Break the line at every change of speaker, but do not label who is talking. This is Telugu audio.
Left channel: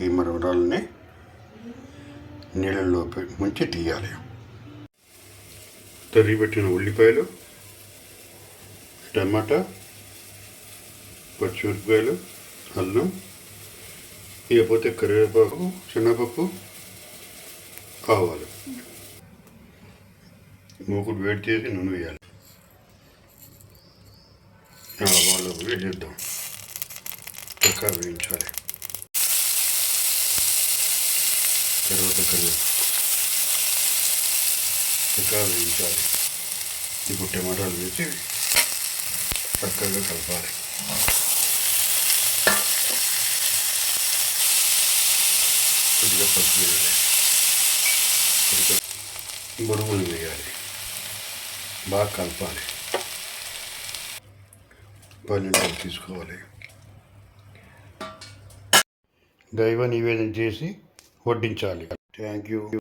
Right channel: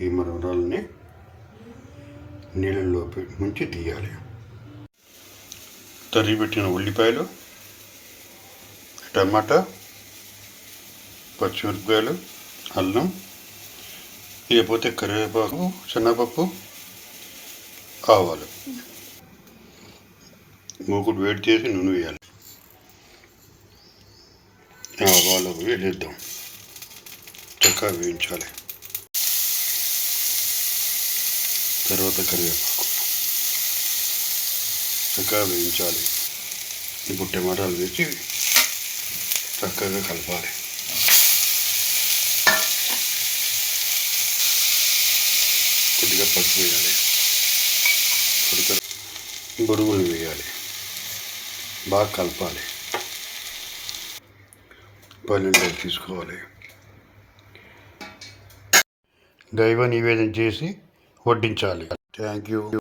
ఈ మరమరాలని నీళ్ళలో ముంచి తీయాలి. తరిగిపెట్టిన ఉల్లిపాయలు టమాటా పచ్చిమిరపకాయలు అల్లం ఇకపోతే కరివేపాకు శనగపప్పు ఆవాలు. మూకుడు వేడి చేసి నూనె వేయాలి. ఆవాలు వేడిద్దాం. చక్కగా వేయించాలి. తర్వాత కరివేపాకు చక్కగా వేయించాలి. ఇప్పుడు టమాటాలు వేసి చక్కగా కలపాలి. కొద్దిగా పసుపు వేయాలి. కొద్దిగా బొరుగులు వేయాలి. బాగా కలపాలి. పన్నెండు తీసుకోవాలి. దైవ నివేదన చేసి వడ్డించాలి. Thank you